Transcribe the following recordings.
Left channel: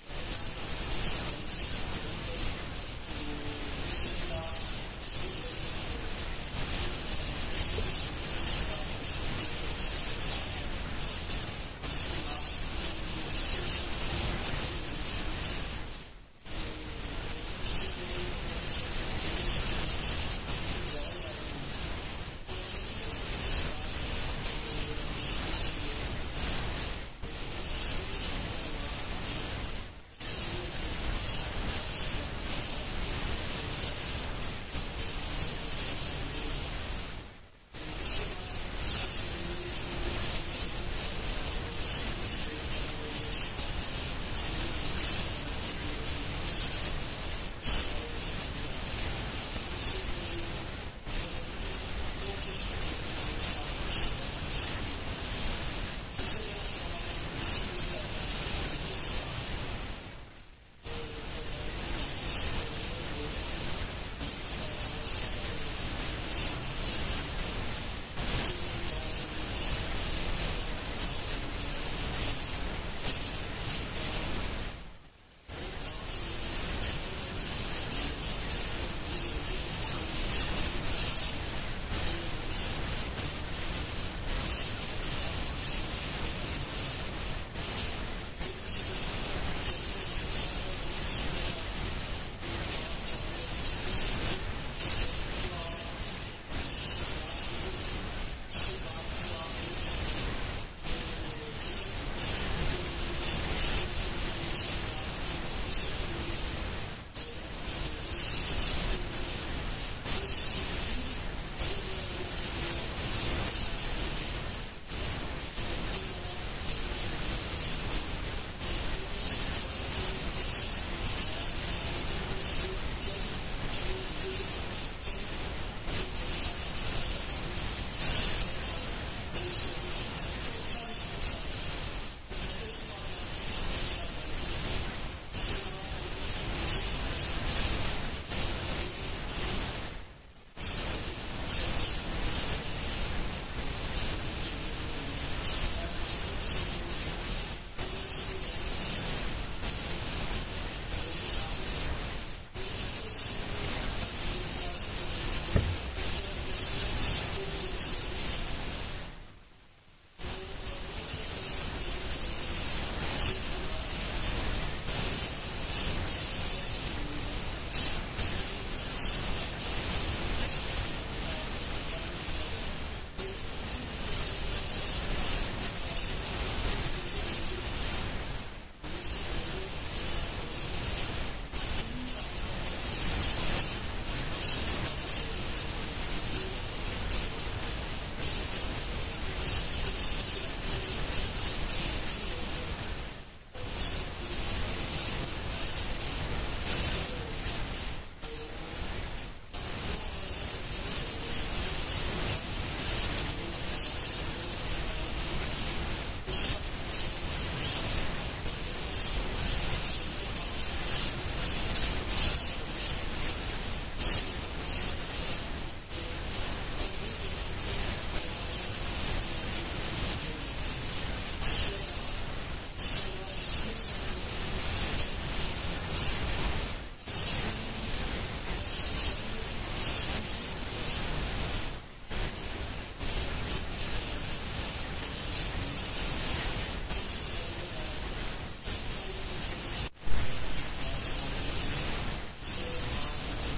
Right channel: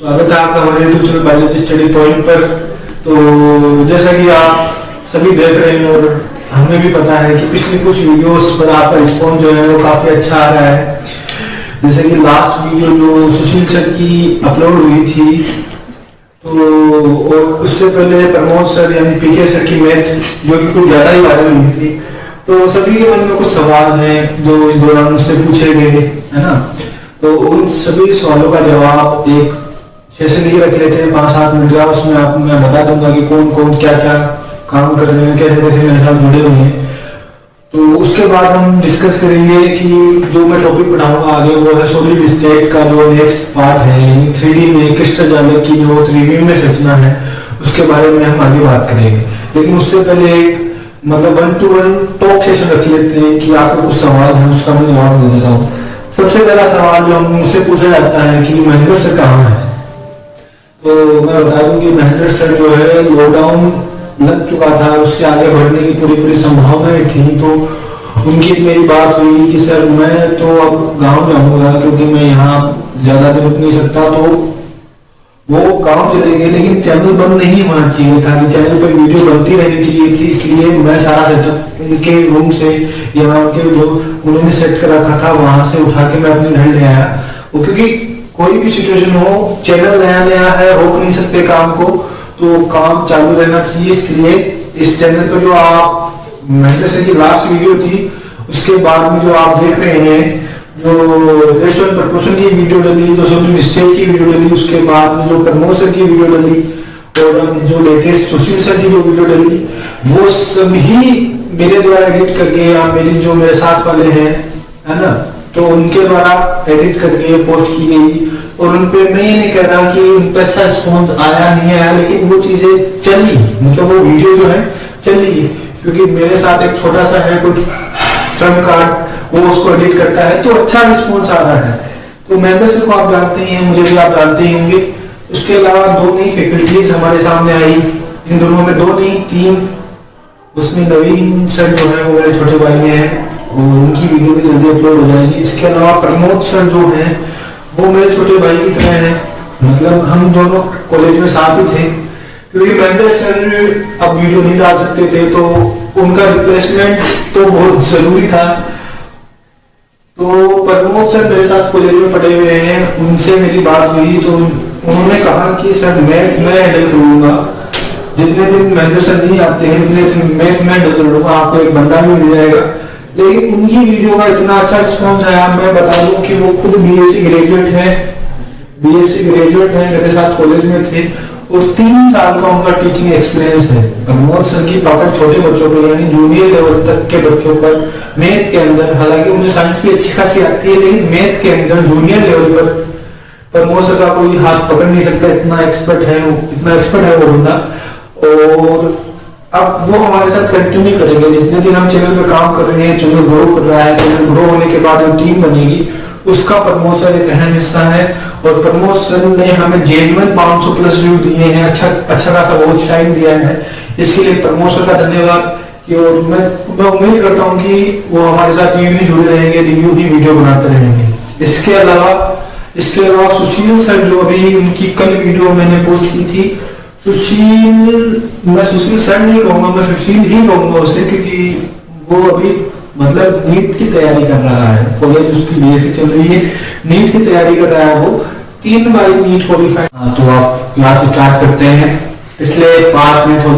स्वागत है आपका हमारे YouTube channel biology study point पर। तो जैसा कि आप सभी देख रहे हैं और हमें भी पता है कि पिछले कुछ वीडियोस पर आपका रिस्पॉन्स जो है वो काफी अच्छा आ रहा है। जैसे कि लास्ट वीडियो जो सुशील सर की अपलोड हुई थी, तो और उससे पहले प्रमोद सर यानी पीके सर की मैथ जो कि कुछ ज्यादा ही वायरल हुई थी। तो सभी के मन में कुछ सवाल हैं जो इस दौरान मुझसे पूछे गए, है ना। तो उन सभी सवालों का जवाब एक सेशन ही रख लेते हैं 5-7 मिनट का। उसमें आप मैं बता दूंगा कि कौन कौन क्या क्या काम कर रहे हैं, कैसे कैसे मेरे साथ जुड़े हुए हैं। तो उसके बाद हम डिस्कस करेंगे कि जो मैं टॉपिक पढ़ाऊंगा आगे वो है सॉलिड स्टेट का जो नेक्स्ट पार्ट है, यानी 3D में क्रिस्टल जाले की जो 3D में संरचना है उसके बारे में हम आगे बात करेंगे। लेकिन उससे पहले एक मतलब 1-to-1 टॉक सेशन रख लेते हैं कि आपको कुछ सवाल है उसका मैं जवाब दे देता हूँ। सबसे पहला सवाल जो मुझसे पूछा जाता है कि महेंद्र सर कहाँ है। तो मैं बता दूं कि महेंद्र सर जो है लॉकडाउन लग चुका था, उसके आगे बढ़ने की पूरी संभावनाएं थी। तो उनकी मेरी बात हुई कि सर मैं तो अब गांव जाऊंगा क्योंकि मैं यहाँ ज्यादा दिन रुक नहीं सकता। तो वो गांव चले गए, लेकिन चैनल बंद नहीं होना चाहिए था कि चैनल पर वीडियो बनती रहनी चाहिए थी। इसलिए मैं सारा सेटअप उनके रूम से या उनके जो उन्होंने सेट कर रखा था वहां से उठा के मैं अपने घर ले आया। वो क्योंकि कोई भी सिचुएशन हो, चैनल नया नया है, रोक नहीं सकते काम को, तो काम चालू रहना चाहिए। इसलिए इस चैनल पर जो आप महेंद्र सर की लास्ट वीडियो थी उसके बाद में जो आप देख रहे हैं, जो रेशोन प्रपोर्शन की वीडियो डली, जो सॉलिड स्टेट की वीडियो डली, उसके बाद में जो प्रमोद सर की वीडियो डली और जो लेटेस्ट सुशील सर की जो वीडियो डली, वो सभी मेरे द्वारा एडिट करके या मेरे साथ वाले हैं, है ना, तो उनके द्वारा एडिट करके पोस्ट की गई। और उनपे मैं ये नहीं कह रहा कि उन पर अच्छा रिस्पॉन्स आया नहीं आया, लेकिन वो चीजें चली, मतलब वो वीडियो जो है चली, क्योंकि मेरे साथ एक छोटा सा है कोई ट्रम्प कार्ड, वो उसको एडिट करता है तो अच्छा रिस्पॉन्स आ रहा है। तो महेंद्र सर को आप जानते ही हैं, मुझे भी आप जानते ही होंगे। उसके अलावा 2 नई फैकल्टीज हमारे सामने आई, इन दोनों में 2 नहीं 3। उसमें नवीन सर जो है वो मेरे छोटे भाई हैं, उनकी वीडियो भी जल्दी अपलोड हो जाएगी। इसके अलावा प्रमोद सर जो हैं वो मेरे छोटे भाई की तरह हैं, मतलब हम दोनों कॉलेज में साथ ही थे। क्योंकि महेंद्र सर अब वीडियो नहीं डाल सकते थे तो उनका रिप्लेसमेंट तो बहुत जरूरी था। तो प्रमोद सर मेरे साथ कॉलेज में पढ़े हुए हैं, उनसे मेरी बात हुई तो उन्होंने कहा कि सर मैं हैंडल करूंगा, जितने दिन महेंद्र सर नहीं आते हैं उतने दिन मैं हैंडल कर लूंगा, आपको एक बंदा भी मिल जाएगा। लेकिन उनकी वीडियो का इतना अच्छा रिस्पॉन्स आया, मैं बता दूं कि वो खुद बीएससी ग्रेजुएट है, मेरे साथ कॉलेज में थे और 3 साल का उनका टीचिंग एक्सपीरियंस है। प्रमोद सर की पकड़ छोटे बच्चों पर यानी जूनियर लेवल तक के बच्चों पर मैथ के अंदर, हालांकि उन्हें साइंस भी अच्छी खासी आती है, लेकिन मैथ के अंदर जूनियर लेवल पर प्रमोद सर का कोई हाथ पकड़ नहीं सकता, इतना एक्सपर्ट है वो बंदा। और अब वो हमारे साथ कंटिन्यू करेंगे जितने दिन हम चैनल पे काम कर रहे हैं, चैनल ग्रो कर रहा है, चैनल ग्रो होने के बाद जो टीम बनेगी उसका प्रमोद सर एक अहम हिस्सा है। और प्रमोद सर ने हमें जेन्युइन 500+ व्यू दिए हैं, अच्छा खासा वॉच टाइम दिया है, इसके लिए प्रमोद सर का धन्यवाद। और मैं उम्मीद करता हूँ कि वो हमारे साथ यूं ही जुड़े रहेंगे, रिव्यू की वीडियो बनाते रहेंगे। इसके अलावा सुशील सर जो अभी उनकी कल वीडियो मैंने पोस्ट की थी, मैं सुशील सर नहीं कहूंगा, मैं सुशील ही कहूंगा उसे, क्योंकि वो अभी मतलब नीट की तैयारी कर रहा है, कॉलेज उसकी बीएससी चल रही है, नीट की तैयारी कर रहा है वो 3 बार नीट क्वालिफाई। तो आप क्लास स्टार्ट करते हैं। पिछले पार्ट में जो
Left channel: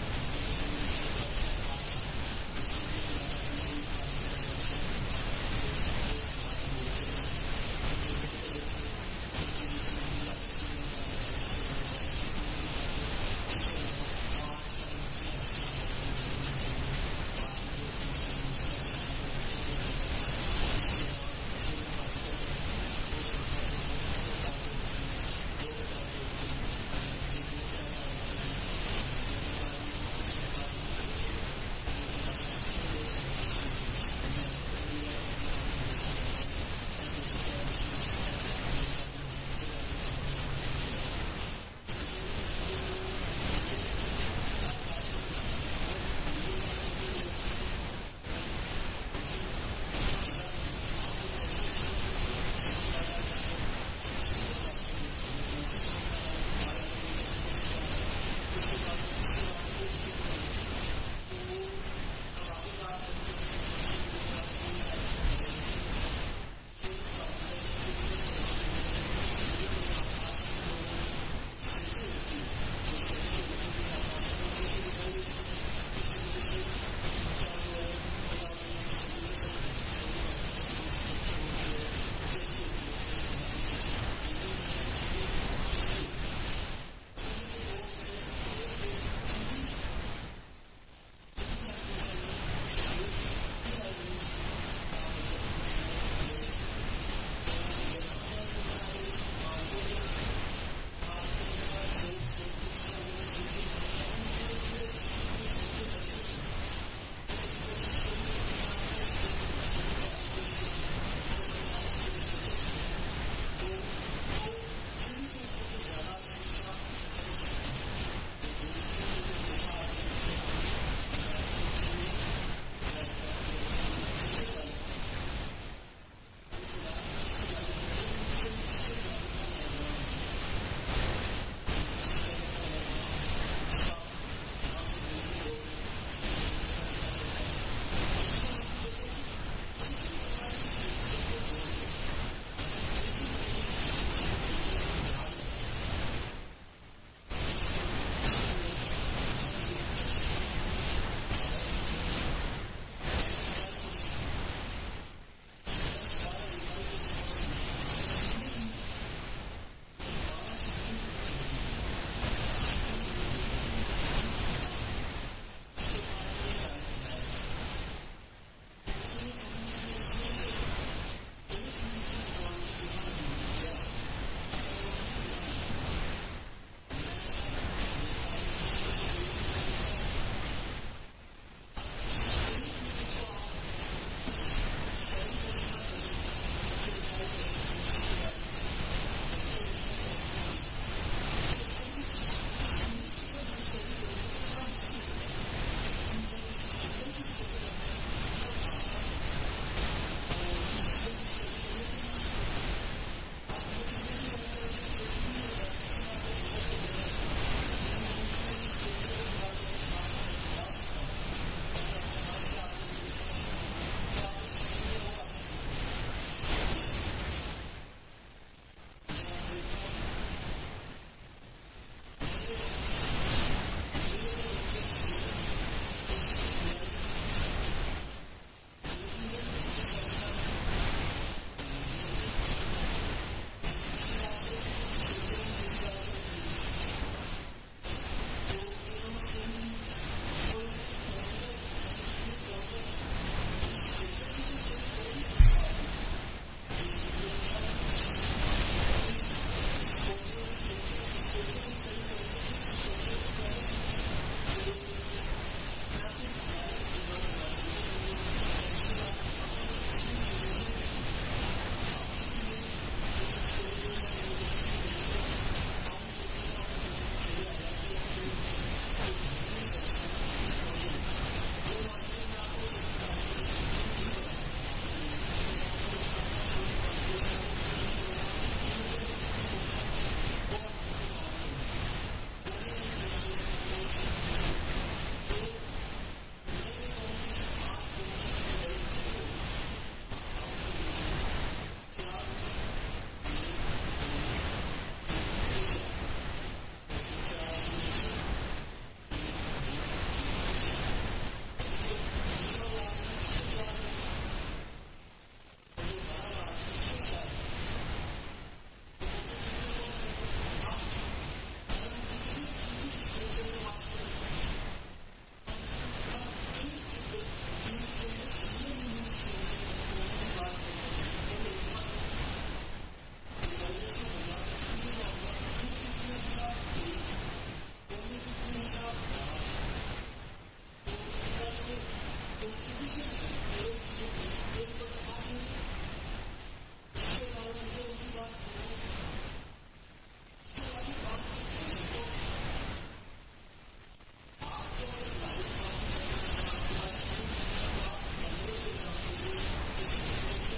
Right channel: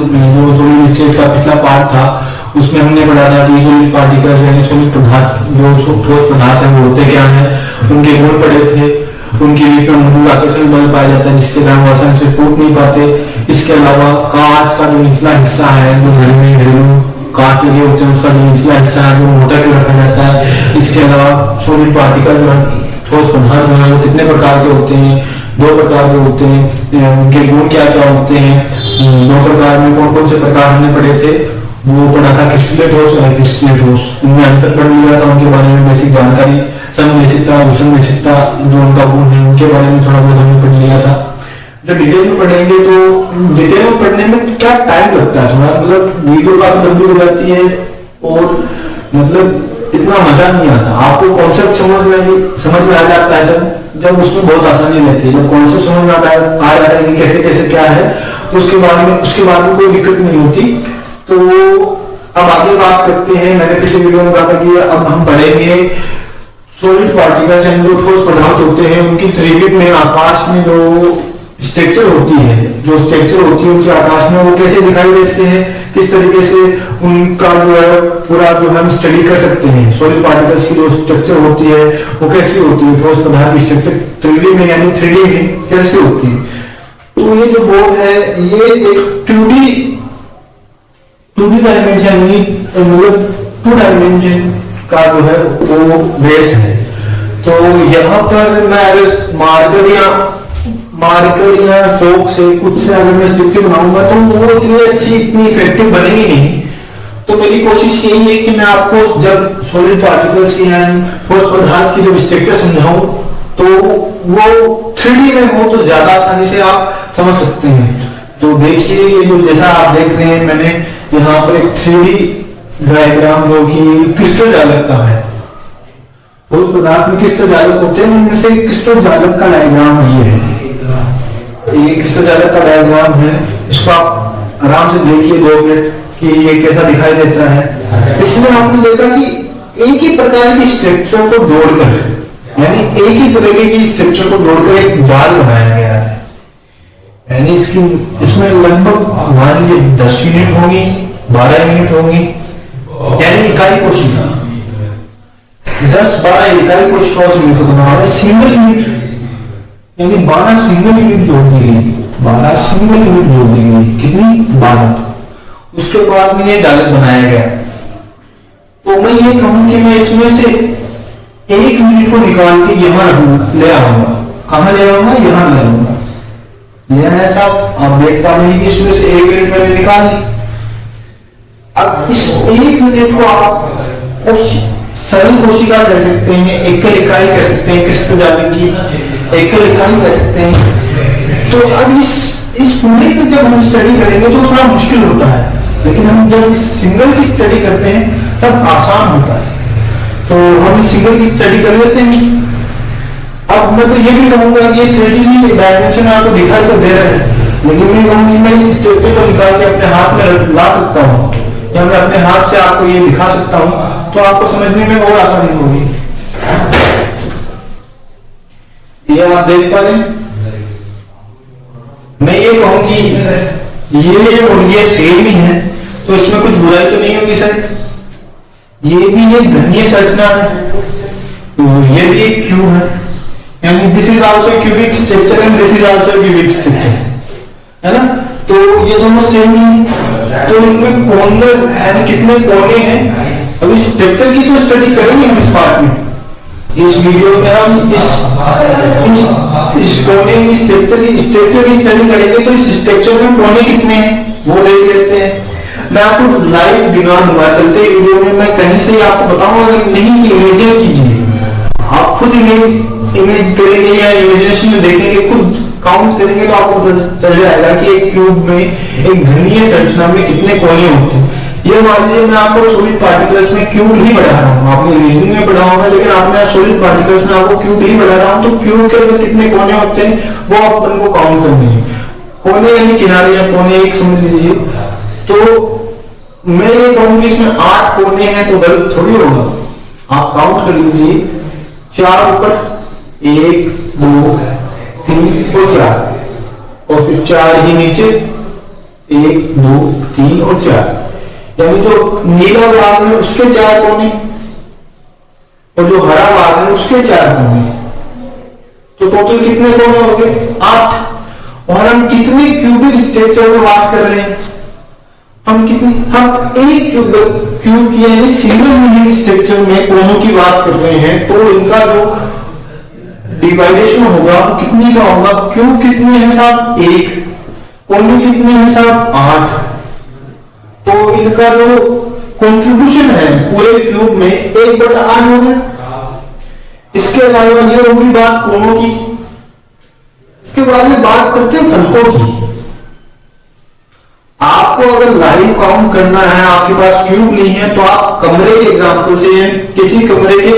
सॉलिड स्टेट का पिछला पार्ट था उसमें हमने पढ़ा था कि सॉलिड पार्टिकल्स यानी सॉलिड पदार्थ, जो ठोस पदार्थ है वो होते क्या है, उनके गुण पढ़े थे, उनके बीच में मौजूद आकर्षण बल पाया जाता है जिसके कारण वो आसानी से टूट नहीं पाते। इसके अलावा कांच का जो निचला हिस्सा है, जो घरेलू कांच लगे होते हैं, उसका जो निचला हिस्सा है वो मोटा क्यों रखा जाता है। इसके अलावा सॉलिड पार्टिकल जो है, ठोस पदार्थ जो है वो कितने प्रकार के होते हैं, 2 प्रकार के होते हैं, उनके गुण क्या क्या होते हैं, 2 प्रकार में कौन कौन से प्रकार हमने पढ़े थे, वो पढ़ा था क्रिस्टलीय ठोस और क्रिस्टलीय ठोस, उनमें अंतर पढ़ लिया था, उनके बारे में बेसिक जानकारी, समदेशिकता, विषमदेशिकता जो उनका गुण है उनके बारे में थोड़ा बहुत हमने पढ़ लिया था। जब डिटेल में पढ़ेंगे तो डिटेल में पढ़ने में क्या टाइम लगता है थोड़ा, मतलब वीडियो काफी लंबी हो जाती है और मतलब इतना मजा नहीं आता। आपको कॉन्सेप्ट समझ में आ जाता है जब उसमें बहुत आसानी रहती है, जब कॉन्सेप्ट समझ में आ जाता है कि कैसे कैसे क्या है, तो उसके बाद में कोई दिक्कत नहीं होती। तो अब आगे बात करते हैं। मैंने पिछले वीडियो में कहा था कि अब हम पढ़ेंगे सॉलिड पार्टिकल्स एंड जो ठोस पदार्थ होते हैं उनकी त्रिविध में आकाश में जो स्ट्रक्चर होती है, उनकी आकाश में वो कैसे दिखाई देते हैं, किस तरीके से उनका जो है पूरा जो हम स्टडी कर सकते हैं। सॉलिड पार्टिकल्स की जो स्ट्रक्चर होती है वो कैसी होती है, ठोस पदार्थ की स्ट्रक्चर त्रिविध में यानी 3D में कैसे होती है। तो ये जो बोर्ड है ये एक 2D डायमेंशन मतलब 2 डायमेंशन का जो है वो बेस है। तो यहाँ पर मैं अगर मार्कर या चौक से कुछ से अगर मैं स्ट्रक्चर बनाऊंगा तो वो इतनी अच्छी इतनी इफेक्टिव बनेगी नहीं। तो मेरी कोशिश यही है कि मैं आपको जब सॉलिड पार्टिकल्स की या ठोस पदार्थ की जब स्ट्रक्चर समझाऊं तो वो 3D में हो तो ज्यादा आसानी से आप समझ सकते हैं। तो देखिए ये जो जैसा आप देख रहे हैं मैंने यहाँ पर एक 3D डायग्राम जो कि क्रिस्टल जालक का है। ठोस पदार्थ में क्रिस्टल जालक होते हैं, उनमें से क्रिस्टल जालक का डायग्राम ये है। ये क्रिस्टल जालक का डायग्राम है, इसको आप आराम से देखिए 2 मिनट कि ये कैसा दिखाई देता है। इसमें आपने देखा कि एक ही प्रकार की स्ट्रक्चर को जोड़कर यानी एक ही तरीके की स्ट्रक्चर को जोड़कर एक जाल बनाया गया है। यानी इसमें लगभग मान लीजिए 10 यूनिट होंगी, 12 यूनिट होंगी, यानी इकाई कोशिका 10-12 इकाई कोशिकाओं से मिलकर बना हुआ है। सिंगल यूनिट यानी 12 सिंगल यूनिट जोड़ दी गई, 12 सिंगल यूनिट जोड़ दी गई, कितनी 12। उसके बाद में ये जालक बनाया गया। तो मैं ये कहूं कि मैं इसमें से 1 यूनिट को निकाल के यहाँ ले आऊंगा। कहां ले आऊंगा? यहाँ ले आऊंगा। यह है साहब, आप देख पा रहे हैं कि इसमें से 1 यूनिट मैंने निकाली। अब इस 1 यूनिट को आप सरल कोशिका कह सकते हैं, एकल इकाई कह सकते हैं, क्रिस्टल जालक की एकल इकाई कह सकते हैं। तो अब इस पूरे की जब हम स्टडी करेंगे तो थोड़ा मुश्किल होता है, लेकिन हम जब इस सिंगल की स्टडी करते हैं तब आसान होता है। तो हम इस सिंगल की स्टडी कर लेते हैं। अब मैं तो ये भी कहूंगा कि ये 3D डायमेंशन आपको दिखाई तो दे रहे हैं, लेकिन मैं कहूंगी मैं इस स्ट्रक्चर को निकाल के अपने हाथ में ला सकता हूँ या मैं अपने हाथ से आपको ये दिखा सकता हूँ, तो आपको समझने में और आसानी होगी। ये आप देख पा रहे हैं। मैं ये कहूंगी ये और ये सेम ही है, तो इसमें कुछ बुराई तो नहीं होगी शायद। ये भी एक घनीय संरचना है, तो ये भी एक क्यूब है, यानी this is also cubic structure and this is also cubic structure, है ना। तो ये दोनों सेम ही। तो इनमें कॉर्नर यानी कितने कोने हैं, अभी स्ट्रक्चर की तो स्टडी करेंगे हम इस पार्ट में। इस वीडियो में हम इस कोने की स्ट्रक्चर की स्टडी करेंगे। तो इस स्ट्रक्चर में कोने कितने हैं वो देख लेते हैं। मैं आपको लाइव दिखा दूंगा चलते वीडियो में, मैं कहीं से आपको बताऊंगा नहीं कि इमेजिन कीजिए, आप खुद इमेज करेंगे या इमेजिनेशन में देखेंगे, खुद काउंट करेंगे तो आपको चल जाएगा कि एक क्यूब में एक घनीय संरचना में कितने कोने होते हैं। ये मान लीजिए मैं आपको सॉलिड पार्टिकल्स में क्यूब ही पढ़ा रहा हूँ, आपने रीजनिंग में पढ़ा होगा, लेकिन आपने सॉलिड पार्टिकल्स में आपको क्यूब ही पढ़ा रहा हूँ। तो क्यूब के अंदर कितने कोने होते हैं वो अपन को काउंट करने हैं। कोने यानी किनारे या कोने एक समझ लीजिए। तो मैं ये कहूंगी इसमें 8 कोने हैं तो गलत थोड़ी होगा, आप काउंट कर लीजिए। 4 ऊपर 1 2 3 और 4 और फिर 4 ही नीचे 1 2 3 और 4, यानी जो नीला भाग है उसके 4 कोने और जो हरा भाग है उसके 4 कोने। तो टोटल कितने कोने हो गए? 8। और हम कितने क्यूबिक स्ट्रक्चर में बात कर रहे हैं? हम एक क्यूब की यानी सिंगल यूनिट स्ट्रक्चर में कोनों की बात कर रहे हैं। तो इनका जो डिवाइडेशन होगा कितनी का होगा? क्यूब कितने हैं साहब? 1। कोने कितने हैं साहब? 8। तो इनका जो कंट्रीब्यूशन है पूरे क्यूब में 1/8 होगा। इसके अलावा ये होगी बात कोनों की। इसके बाद में बात करते हैं फलकों की। आपको अगर लाइव काउंट करना है, आपके पास क्यूब नहीं है, तो आप कमरे के एग्जांपल से किसी कमरे के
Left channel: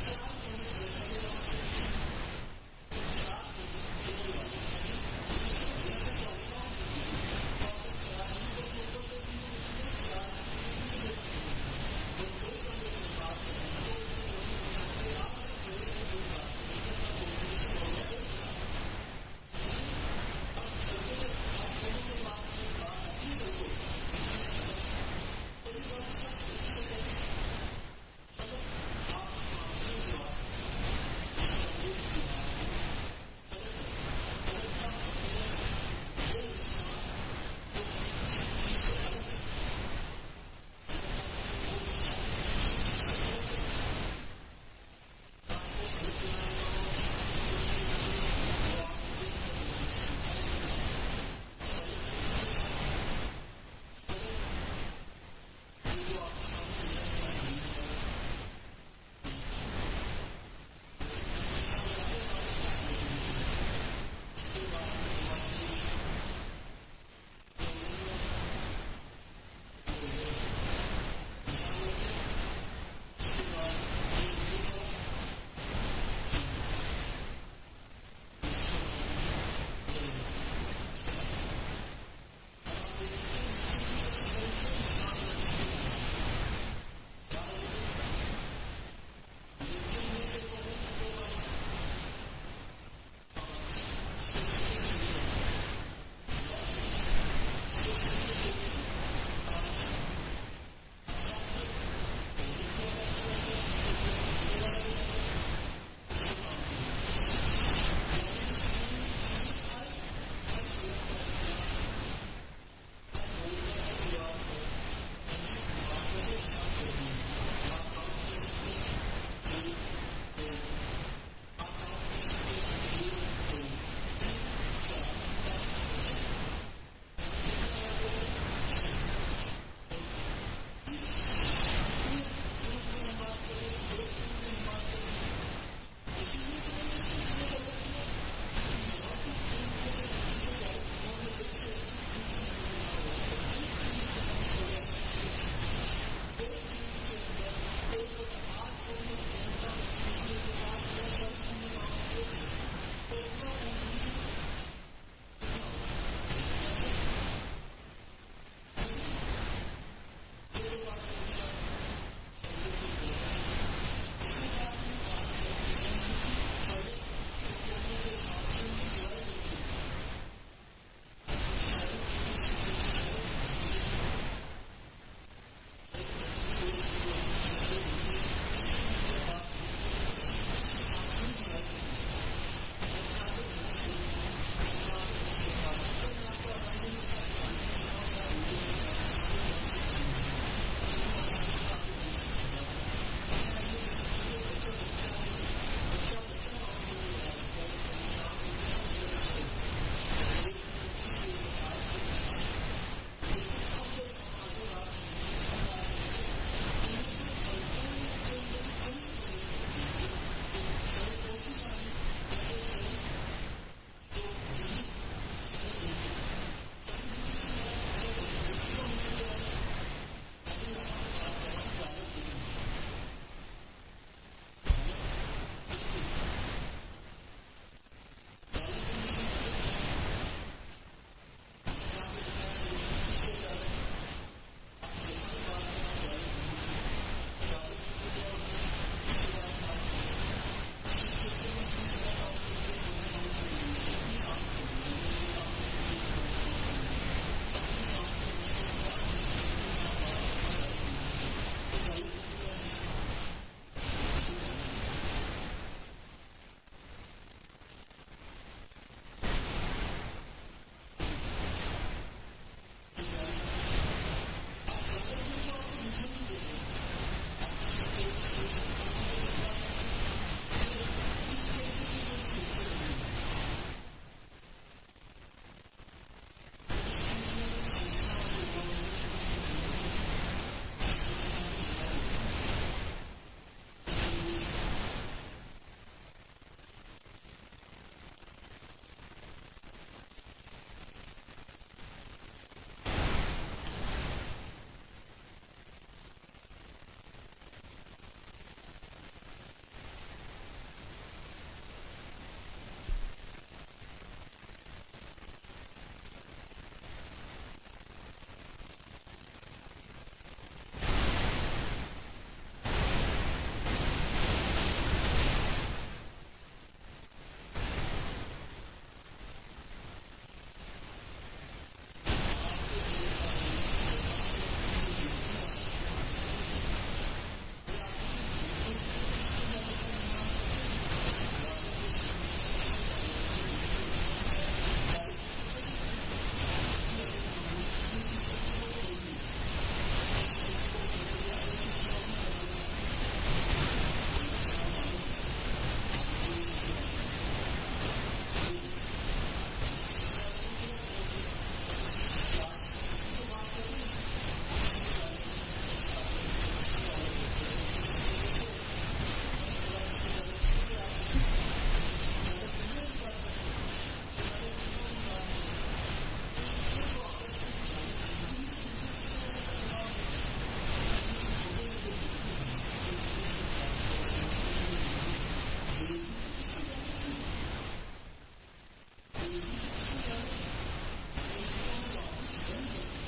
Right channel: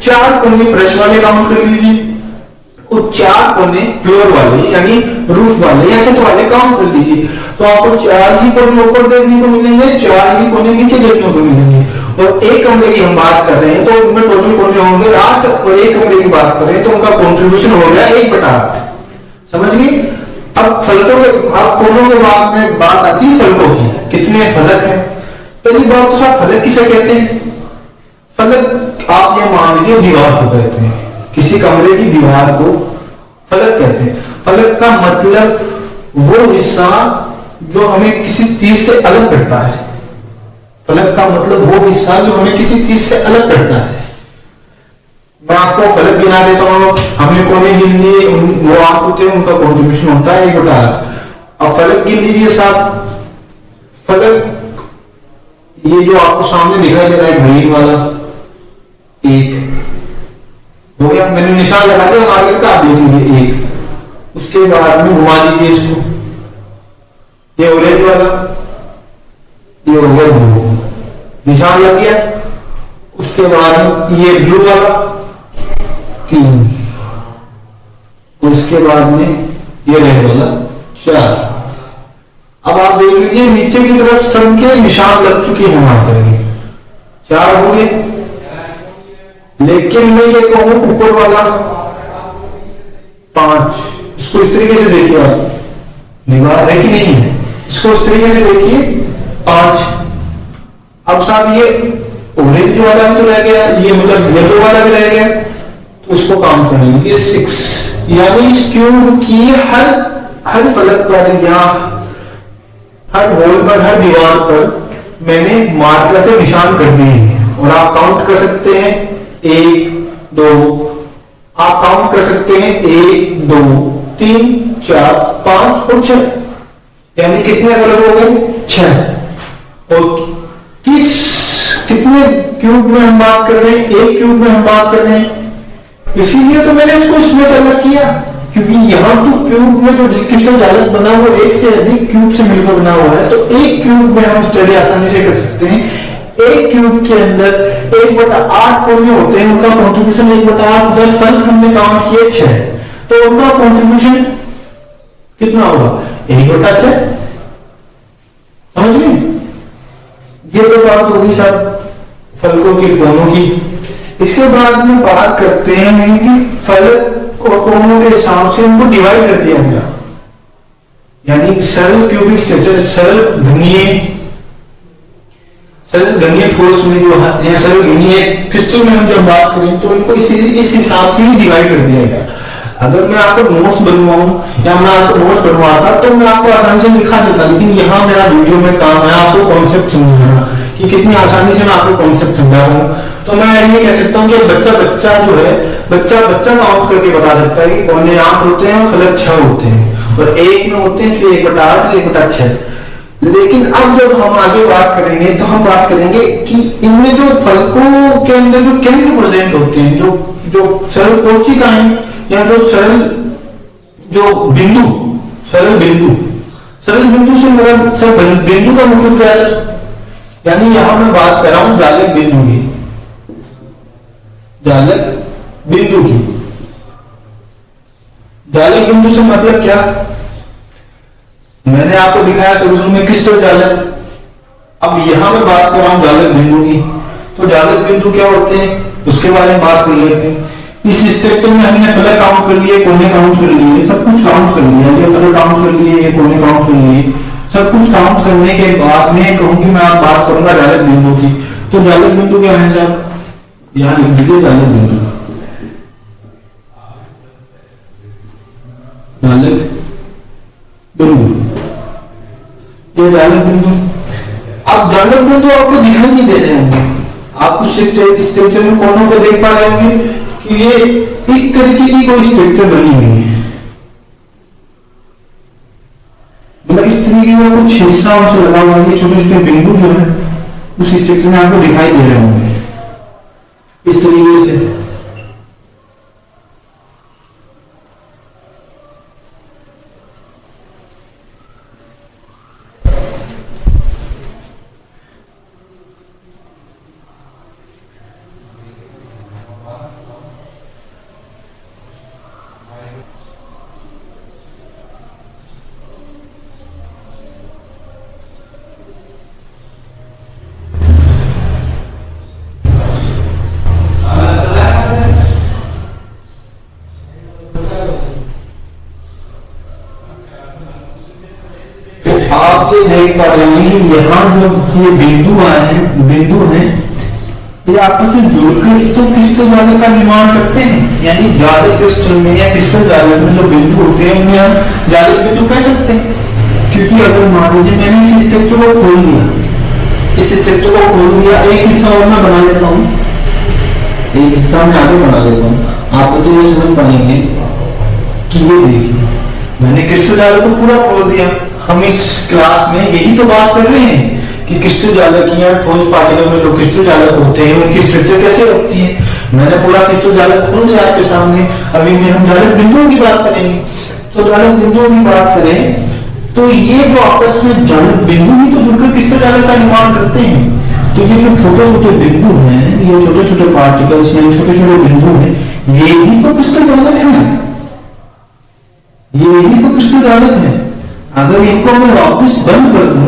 4 कोने फ्रेश वाले काउंट कर लीजिए वो 4 कोने फ्लोर वाले यानी रूफ वाले या छत वाले काउंट कर लीजिए, तो आपको 4 ही कोने ऊपर देखने को मिलेंगे, 4 ही कोने नीचे देखने को मिलेंगे। और एक कमरे की हम बात कर रहे हैं तो उनमें टोटल कोने होंगे 8, और एक कमरे की बात कर रहे हैं तो उनका कॉन्ट्रीब्यूशन हो गया 1/8। समझ गए? अब फलकों के, अब कोनों के बाद में बात आती है फलकों की, कितने फलक है। पहली बात तो साहब फलक किसे कहते हैं? फलक आप ये मान लीजिए दीवार को कहते हैं, किसी कमरे की दीवार को फलक कहते हैं। फलक का मतलब वो हिस्सा जो हमें किसी चीज से अलग करता है। फलक का मतलब वो हिस्सा जो हमें किसी चीज से अलग करता है। मैं आपको फलक गिना देता हूँ, हमने कोने गिन लिए, वो आप होते हैं, उनका कॉन्ट्रीब्यूशन होता है 1/8। अब फलक गिन लीजिए साहब, फलक ये जो आपको सामने दिखाई दे रहा है ग्रीन वाला, 1 हो गया, मैंने निशान लगा दिया, आगे का आप देख लीजिए 1। उसके बाद में घुमा दीजिए इसको, ये ऑरेंज वाला, ये हो गया 2, निशान लग गया। उसके बाद ये ब्लू वाला 3, और उसके बाद में ये रेड वाला 4। अब आप देख लीजिए नीचे की तरफ सबके निशान लग चुके हैं वहां पर, 4 हो गए। लेकिन मैं ये कहूं ऊपर वाला 5, इसको इस तरीके से देखिए आप, दीवार है कि नहीं है, इसको इस तरीके से देखिए 5। अब साहब ये ऑरेंज वाला भी तो रह गया, ये मतलब येलो वाला भी रह गया, तो उसको काउंट करेंगे, ये 6। यानी इस क्यूब की हर फलक पर या हर वॉल पर, हर दीवार पर मैंने मार्कर से निशान कर दिए हैं। और आप काउंट कर सकते हैं 1 2, आप काउंट कर सकते हैं 1 2 3 4 5 और 6, यानी कितने फलक हो गए? 6। और कितने क्यूब में हम बात कर रहे हैं? 1 क्यूब में हम बात कर रहे हैं, इसीलिए तो मैंने इसको इसमें से अलग किया, क्योंकि यहां तो क्यूब में जो क्रिस्टल जालक बना हुआ 1 से अधिक क्यूब से मिलकर बना हुआ है, तो 1 क्यूब में हम स्टडी आसानी से कर सकते हैं। 1 क्यूब के अंदर 1/8 कोने होते हैं, उनका कॉन्ट्रीब्यूशन 1/8, 10 फलक हमने काउंट किए 6, तो उनका कॉन्ट्रीब्यूशन कितना होगा? 1/6। समझ गए? ये तो बात होगी सब फलकों की, कोनों की। इसके बाद में बात करते हैं कि फलक और कोनों के हिसाब से उनको डिवाइड कर दिया गया, यानी सरल क्यूबिक स्ट्रक्चर, सरल घनीय ठोस में जो है, सरल घनीय क्रिस्टल में हम जब बात करें तो इनको इस हिसाब से ही डिवाइड कर दिया गया। अगर मैं आपको नोट्स बनवाऊं या मैं आपको नोट्स बनवाता तो मैं आपको आसानी से दिखा देता, लेकिन यहाँ मेरा वीडियो में काम है आपको कॉन्सेप्ट समझाना, कि कितनी आसानी से मैं आपको कॉन्सेप्ट समझा रहा हूँ। तो मैं ये कह सकता हूँ कि बच्चा जो है, बच्चा काउंट करके बता सकता है कि कोने 8 होते हैं और फलक 6 होते हैं, और 1 में होते हैं, इसलिए 1/8 1/6। लेकिन अब जब हम आगे बात करेंगे तो हम बात करेंगे कि इनमें जो फलकों के अंदर जो केंद्र प्रेजेंट होते हैं, जो सरल कोशिकाएं या जो सरल बिंदु से मेरा बिंदु का मतलब क्या है? यानी यहां मैं बात कर रहा हूं जालक बिंदु की, जालक बिंदु से मतलब क्या? मैंने आपको दिखाया शुरू में क्रिस्टल जालक, अब यहां मैं बात कर रहा हूं जालक बिंदु की। तो जालक बिंदु क्या होते हैं उसके बारे में बात कर लेते हैं। इस स्ट्रक्चर में हमने फलक काउंट कर लिए, कोने काउंट कर लिए, सब कुछ काउंट कर लिया, ये फलक काउंट कर लिए, ये कोने काउंट कर लिए, सब कुछ काउंट करने के बाद में कहूंगी मैं आप बात करूंगा जालक बिंदु की। तो जालक बिंदु क्या है साहब? यहाँ लिख दीजिए जालक बिंदु। ये जालक बिंदु। अब जालक बिंदु आपको दिखाई नहीं दे रहे होंगे, आप उस स्ट्रक्चर में कोनों को देख पा रहे होंगे कि ये इस तरीके की कोई स्ट्रक्चर बनी हुई है, मतलब इस तरीके का कुछ हिस्सा उनसे लगा हुआ है, छोटे छोटे बिंदु जो है उस स्ट्रक्चर में आपको दिखाई दे रहे होंगे इस तरीके से। देख पा रहे हैं कि यहाँ जो ये बिंदु आए हैं, बिंदु है, ये आपस में जुड़कर तो क्रिस्टल जालक का निर्माण करते हैं। यानी जालक क्रिस्टल में या क्रिस्टल जालक में जो बिंदु होते हैं उन्हें हम जालक बिंदु कह सकते हैं। क्योंकि अगर मान लीजिए मैंने इस स्ट्रक्चर को खोल दिया, इस स्ट्रक्चर को खोल दिया, एक हिस्सा और मैं बना लेता हूँ, एक हिस्सा मैं आगे बना लेता हूँ, आप तो ये समझ पाएंगे कि ये देखिए मैंने क्रिस्टल जालक को पूरा खोल दिया। हम इस क्लास में यही तो बात कर रहे हैं कि क्रिस्टल जालक या ठोस पार्टिकल में जो क्रिस्टल जालक होते हैं उनकी स्ट्रक्चर कैसे होती है। मैंने पूरा क्रिस्टल जालक खोल दिया आपके सामने। अभी में हम जालक बिंदुओं की बात करेंगे। तो जालक बिंदुओं की बात करें तो ये जो आपस में जालक बिंदु ही तो जुड़कर क्रिस्टल जालक का निर्माण करते हैं। तो ये जो छोटे छोटे बिंदु हैं, ये छोटे छोटे पार्टिकल्स हैं, छोटे छोटे बिंदु हैं, ये ही तो क्रिस्टल जालक है, ये ही तो क्रिस्टल जालक है। अगर इनको मैं वापस बंद कर दूं,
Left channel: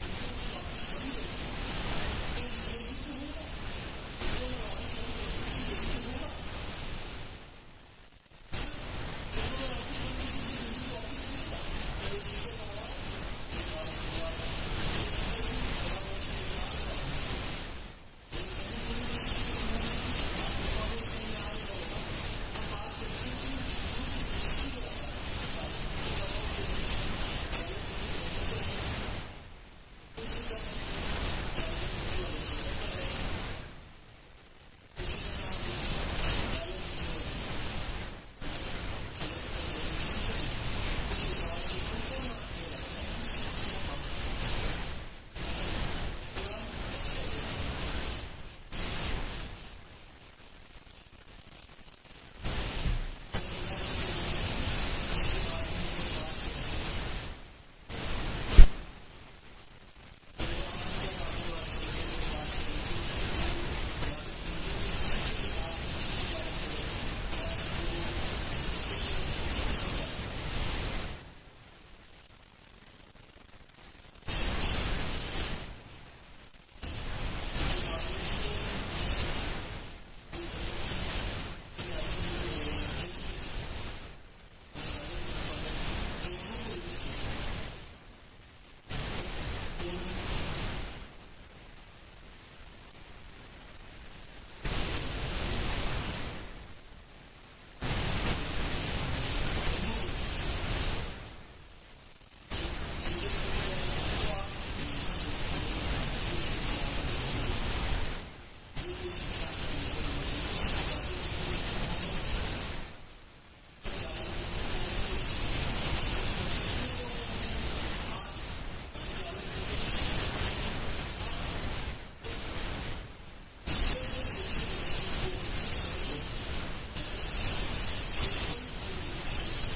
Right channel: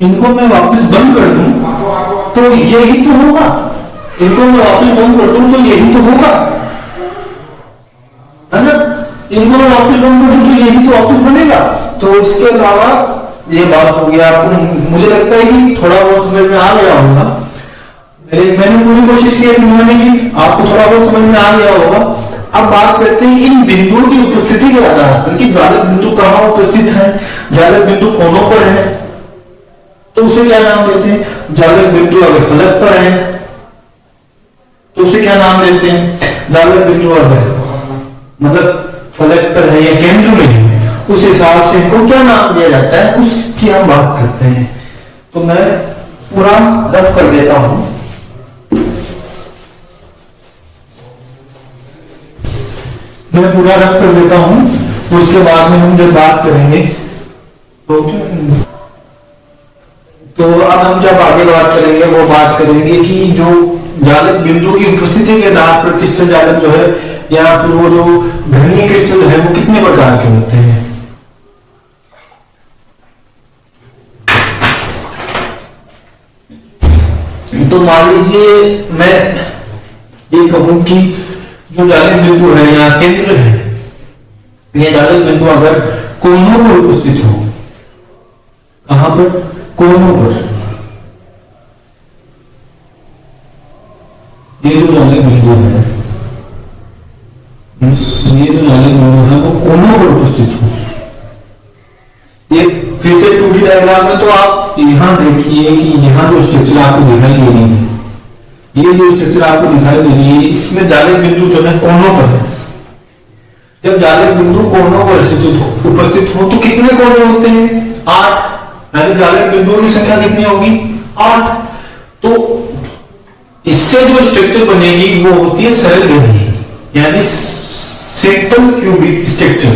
इनको मैं वापस बंद कर दूं तो यही तो होगा। इनको मैं वापस बंद कर दूं तो यही तो होगा, है ना। इनको मैं वापस बंद कर दूं तो यही तो वापस बनेगा। तो इसके अलावा ये बात हो गया। आपको मुझे लगता है कि थोड़ा बहुत समझ में आ गया होगा। मैंने पूरी कोशिश की समझने की, आपको थोड़ा बहुत समझ में आ गया होगा। अब बात करते हैं इन बिंदुओं की उपस्थिति के आधार पर कि जालक बिंदु कहाँ उपस्थित है। जालक बिंदु कोनों पर है तो उसे क्या नाम देते हैं। जालक बिंदु अगर फलक पर है तो उसे क्या नाम देते हैं। जालक बिंदु अगर मतलब फलक पर है या केंद्र में है, उस हिसाब से इनको क्या नाम दिया जाता है, उसकी हम बात करते हैं। तो मैं पूरा रफ कर देता हूं। मैं पूरा रफ कर देता हूं, उसके बाद में हम जब बात करेंगे तो अब हम जब आगे बात करेंगे वो बात करेंगे कि जो जालक बिंदु की उपस्थिति के आधार पर क्रिस्टल जालक जो है या फिर वो जो घनीय क्रिस्टल है वो कितने प्रकार के होते हैं। तो मान लीजिए मैं ये कहूं कि जो जालक बिंदु है या केंद्र है, ये जालक बिंदु अगर कोनों पर उपस्थित हो, कहां पर, कोनों पर, ये जो जालक बिंदु है, ये जो जालक बिंदु है वो कोनों पर उपस्थित हो। ये फिर से 2D डायग्राम में तो आप यहां देखिए कि यहां जो स्ट्रक्चर आपको दिखाई दे रही है, ये जो स्ट्रक्चर आपको दिखाई दे रही है, इसमें जालक बिंदु जो है कोनों पर है। जब जालक बिंदु कोनों पर उपस्थित हो तो कितने कोने होते हैं, 8। यानी जालक बिंदुओं की संख्या कितनी होगी, 8। तो इससे जो स्ट्रक्चर बनेगी वो होती है सरल घनीय, यानी सिंपल क्यूबिक स्ट्रक्चर।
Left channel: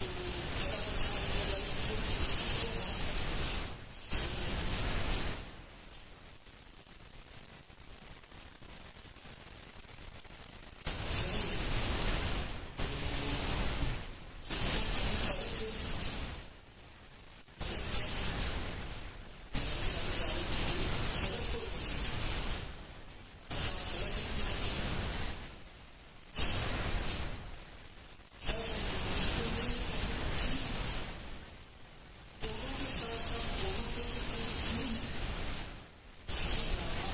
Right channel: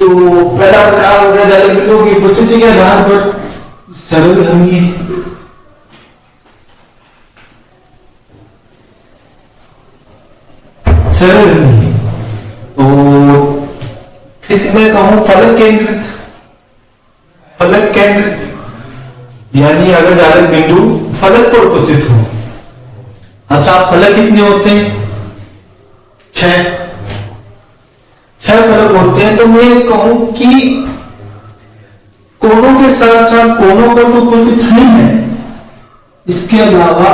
तो पहला प्रकार हो गया जालक बिंदुओं की उपस्थिति के आधार पर सरल घनीय। सरल घनीय तो मैं कहूं फलक केंद्रित, फलक केंद्रित यानी अगर जालक बिंदु फलक पर उपस्थित हो। अच्छा फलक कितने होते हैं, 6 फलक होते हैं। तो मैं कहूं कि कोनों के साथ साथ कोनों पर तो उपस्थित नहीं है, इसके अलावा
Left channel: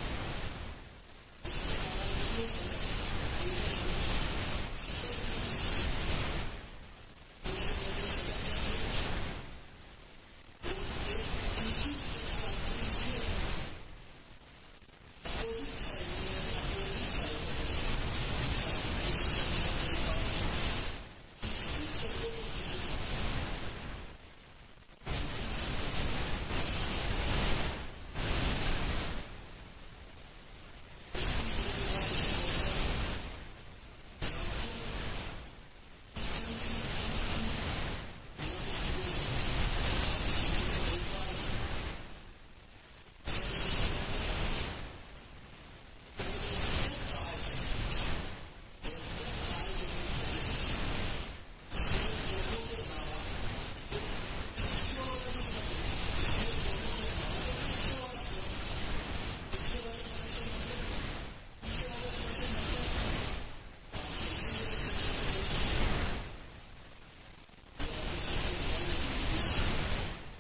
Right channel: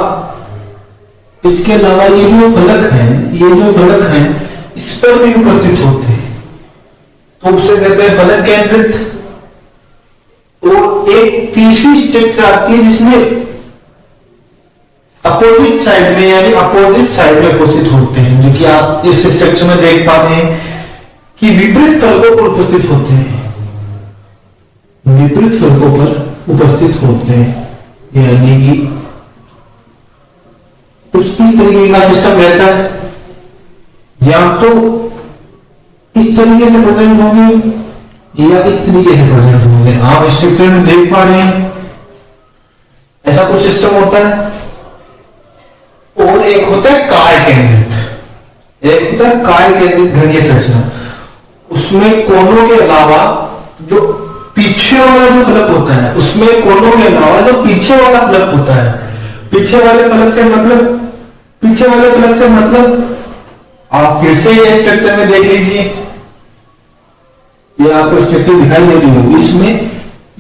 ये जो फलक है इस पर भी उपस्थित होते हैं। तो उसे कहते हैं फलक केंद्रित। और एक तीसरी स्ट्रक्चर आती है जिसमें अपोजिट साइड में यानी अपोजिट साइड में उपस्थित होते हैं, जो कि आप इस स्ट्रक्चर में देख पाते हैं कि विपरीत फलकों पर उपस्थित होते हैं, विपरीत फलकों पर उपस्थित होते हैं। यानी कि कुछ इस तरीके का सिस्टम रहता है, या तो इस तरीके से प्रेजेंट होंगे या इस तरीके से प्रेजेंट होंगे। आप स्ट्रक्चर में देख पा रहे हैं ऐसा कुछ सिस्टम होता है। और एक होता है काय केंद्रित, एक होता है काय केंद्रित घनीय संरचना। उसमें कोनों के अलावा जो पीछे वाला जो फलक होता है, उसमें कोनों के अलावा जो पीछे वाला फलक होता है, पीछे वाले फलक से मतलब आप फिर से ये स्ट्रक्चर में देख लीजिए, ये आपको स्ट्रक्चर दिखाई दे रही होगी, इसमें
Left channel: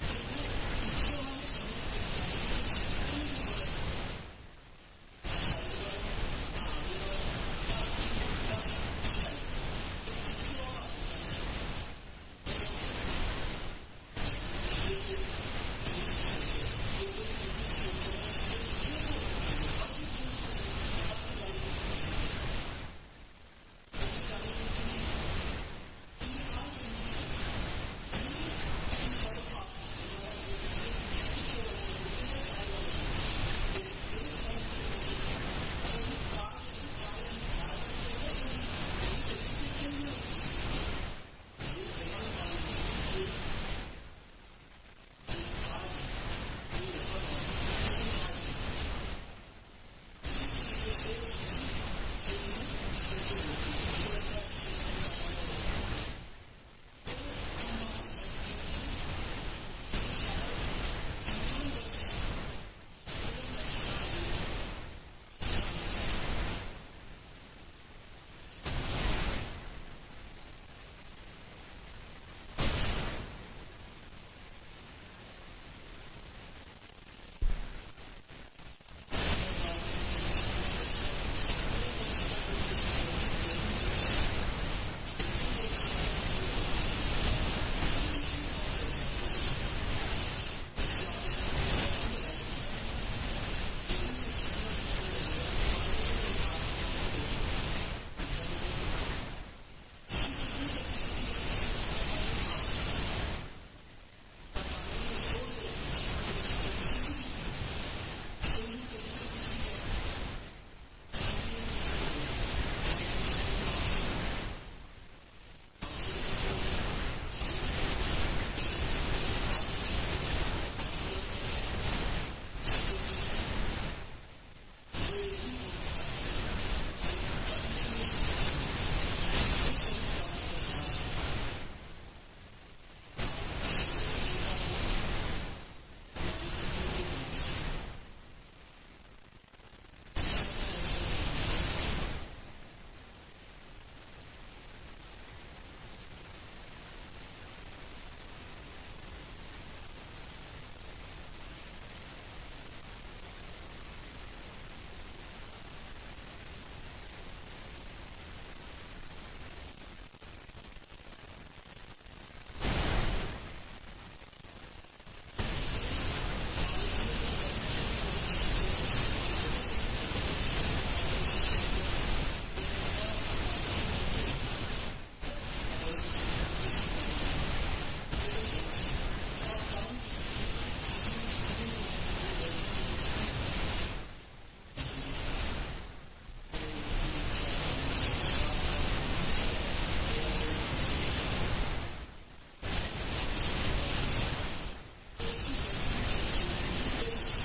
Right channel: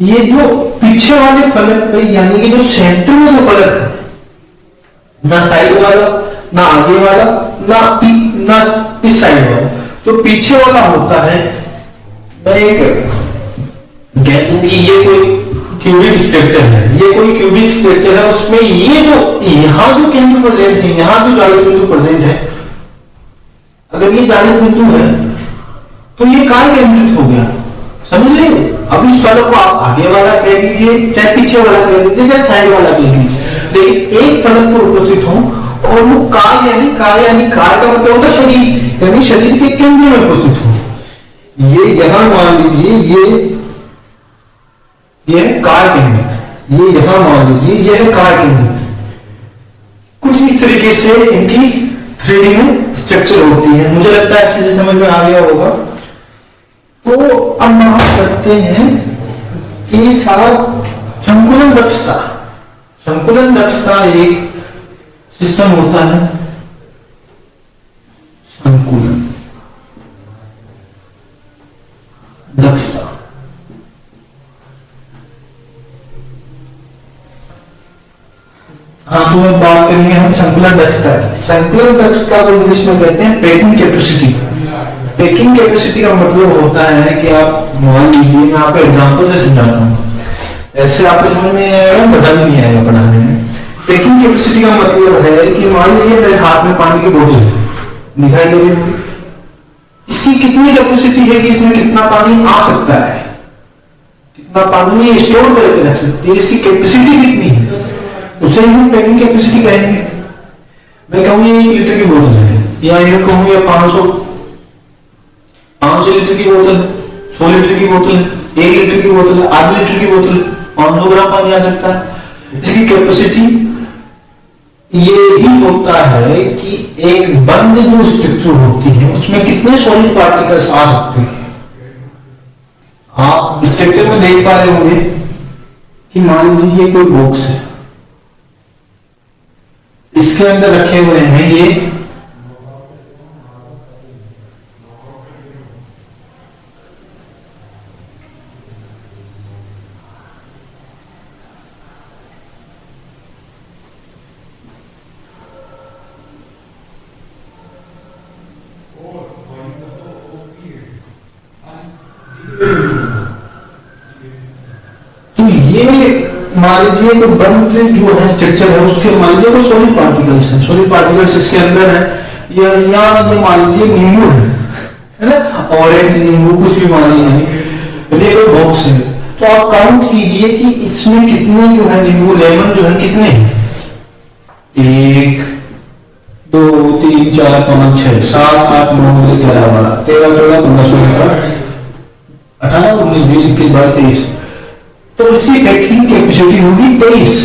ये जो पीछे वाले फलक पे यानी कि जो सेंटर में जो फलक है, ना साइड वाला ना आगे वाला ना इस साइड वाला, जो पीछे वाला होता है, मैं एक कह दूं कि ये कोई क्यूबिक स्ट्रक्चर है, ये कोई क्यूबिक स्ट्रक्चर है, उसमें ये जो यहां जो केंद्र प्रेजेंट है, यहां जो जाली बिंदु प्रेजेंट है, अगर ये जाली बिंदु है तो ये काय केंद्रित हो गया, समझ लीजिए। अब इस फलक को आप आगे वाला कह दीजिए, चाहे पीछे वाला कह दीजिए, चाहे साइड वाला कह दीजिए, लेकिन एक फलक पर उपस्थित हो और वो काय यानी काय का मतलब होता है शरीर, यानी शरीर के केंद्र में उपस्थित हो। ये यहां मान लीजिए ये काय केंद्रित, ये यहां मान लीजिए ये है काय केंद्रित। कुछ इस तरीके से इनकी 3D में स्ट्रक्चर होती है। मुझे लगता है अच्छे से समझ में आ गया होगा। तो अब हम करते हैं कि सारा संकुलन दक्षता एक सिस्टम होता है, संकुलन दक्षता। हाँ, तो अब बात करेंगे हम संकुलन दक्षता की। संकुलन दक्षता को इंग्लिश में कहते हैं पैकिंग कैपेसिटी। पैकिंग कैपेसिटी का मतलब होता है कि आप मान लीजिए, मैं आपको एग्जांपल से समझाता हूँ, ऐसे आपको समझ में आएगा, मजा भी नहीं आएगा पढ़ाने में। पैकिंग कैपेसिटी का मतलब है कि मान लीजिए मेरे हाथ में पानी की बोतल दिखाई दे रही है, इसकी कितनी कैपेसिटी है कि इसमें कितना पानी आ सकता है, कितना पानी स्टोर करके रख सकती है, इसकी कैपेसिटी कितनी है, उसे हम पैकिंग कैपेसिटी कहेंगे। मैं कहूँ ये 1 लीटर की बोतल है, या ये कहूँ ये 500 लीटर की बोतल, 100 लीटर की बोतल, 1 लीटर की बोतल, आधे लीटर की बोतल, 500 ग्राम पानी आ सकता है। इसकी कैपेसिटी ये ही होता है कि एक बंद जो स्ट्रक्चर होती है उसमें कितने सॉलिड पार्टिकल्स आ सकते हैं। आप स्ट्रक्चर में देख पा रहे होंगे कि मान लीजिए ये कोई बॉक्स है, इसके अंदर रखे हुए हैं ये मान लीजिए तो बंद जो है स्ट्रक्चर है उसके मान लीजिए कोई सॉलिड पार्टिकल्स है, सॉलिड पार्टिकल्स इसके अंदर है, या ये मान लीजिए नींबू है ना, ऑरेंज नींबू कुछ भी मान लीजिए, ये कोई बॉक्स है। तो आप काउंट कीजिए कि इसमें कितने जो है नींबू लेमन जो है कितने, 1 2 3 4 5 6 7 8 9 10 11 12 13 14 15 16 18 19 20 21 22 23, तो उसकी पैकिंग कैपेसिटी होगी 23।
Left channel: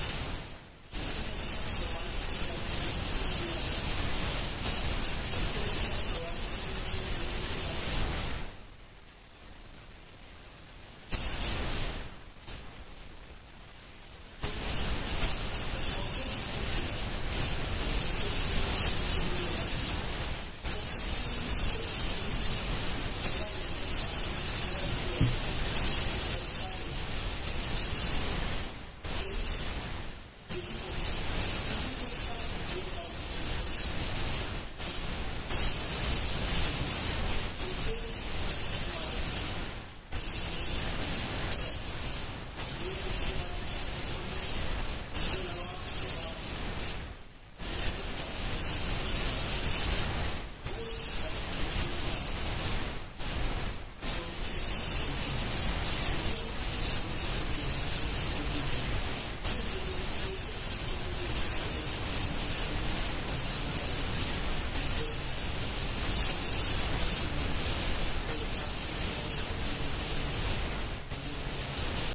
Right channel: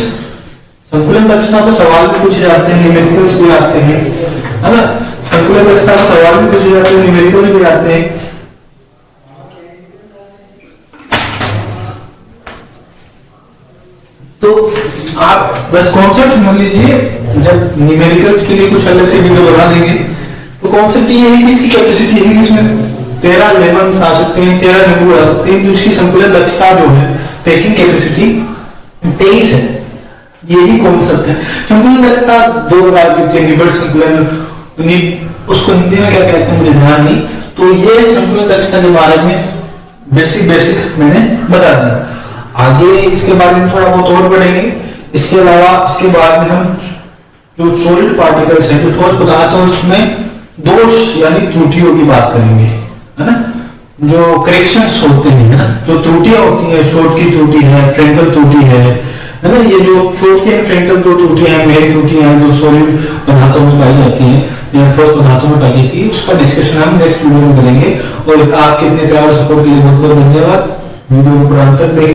संकुलन दक्षता को सवाल भी पूछे जाते हैं, न्यूमेरिकल्स भी आते हैं, है ना। संकुलन दक्षता को सवाल भी पूछे जाते हैं, न्यूमेरिकल्स भी आते हैं। तो आप बस कॉन्सेप्ट समझ लीजिए, जब न्यूमेरिकल्स के लिए कुछ अलग से वीडियो बना देंगे तो कॉन्सेप्ट ये है कि इसकी कैपेसिटी है कि इसमें 13 लेमन आ सकते हैं, 13 नींबू आ सकते हैं, तो इसकी संकुलन दक्षता जो है पैकिंग कैपेसिटी 23 है। यही कॉन्सेप्ट है। संकुलन दक्षता 2 प्रकार की होती है, निबड़ संकुलन, उसको हिंदी में क्या कहते हैं मुझे ध्यान नहीं। तो ये संकुलन दक्षता के बारे में बेसिक मैंने बता दिया। आगे इसके बारे में थोड़ा बहुत और पढ़ेंगे। इसके अलावा इसके बाद में हम जो सॉलिड पार्टिकल्स हैं, जो ठोस पदार्थ है, उसमें दोष यानी त्रुटियों की बात करेंगे, है ना। जो करेक्शंस होते हैं ना, जो त्रुटियां होती हैं, शॉर्ट की त्रुटि है, फ्रंटल त्रुटि है ना, ये जो शॉर्ट की फ्रंटल दो त्रुटियां हैं, मेन त्रुटियां हैं जो सॉलिड पदार्थों में पाई जाती हैं या ठोस पदार्थों में पाई जाती है, उसका डिस्कशन हम नेक्स्ट वीडियो में करेंगे। और आपके इतने प्यार और सपोर्ट के लिए बहुत बहुत धन्यवाद। वीडियो को पूरा अंत तक देखें।